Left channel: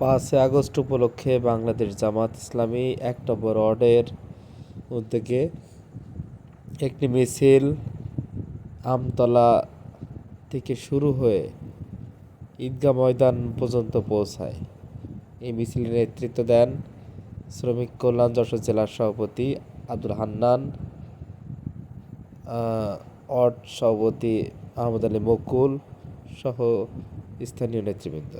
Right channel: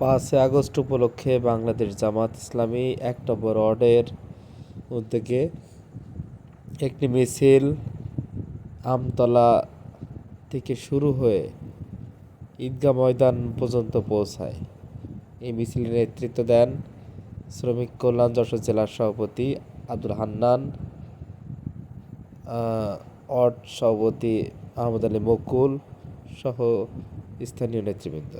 পাঁচই আগস্ট উপলক্ষে বাংলাদেশ জামাত ইসলামী এক নম্বর ওয়ার্ডের উদ্যোগে একটি মিছিল আমতলা থেকে শুরু হয়ে ঈদগাহ ময়দান পর্যন্ত পৌঁছায়। এই মিছিলের নেতৃত্ব দেন শ্রমিক কল্যাণ যশোর জেলার সভাপতি আব্দুল হান্নান ওয়ার্ড সভাপতি আহমদ আলী মকুল সহ স্থানীয় নেতৃবৃন্দ।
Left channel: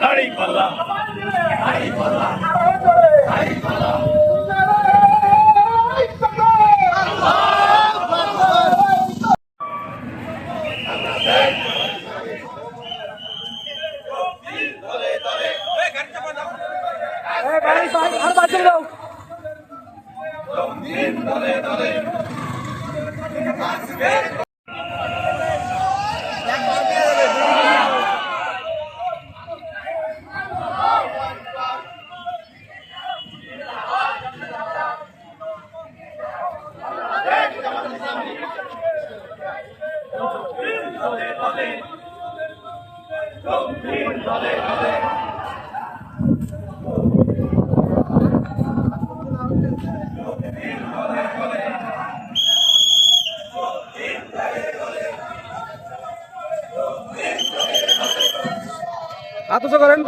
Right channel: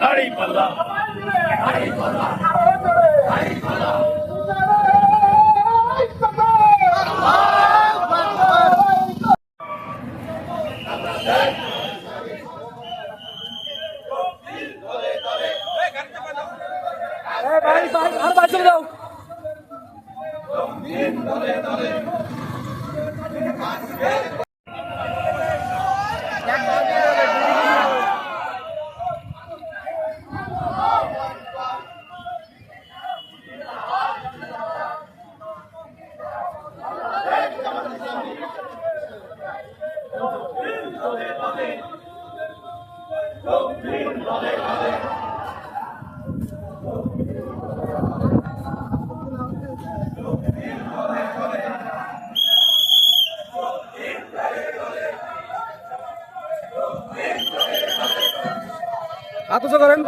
Hari Palla. Hari Palla. Hari Palla. ভাই ভাই আর বাঁচিয়ে দাও দলে দলে দলে দলে আত্মস্থ করেন।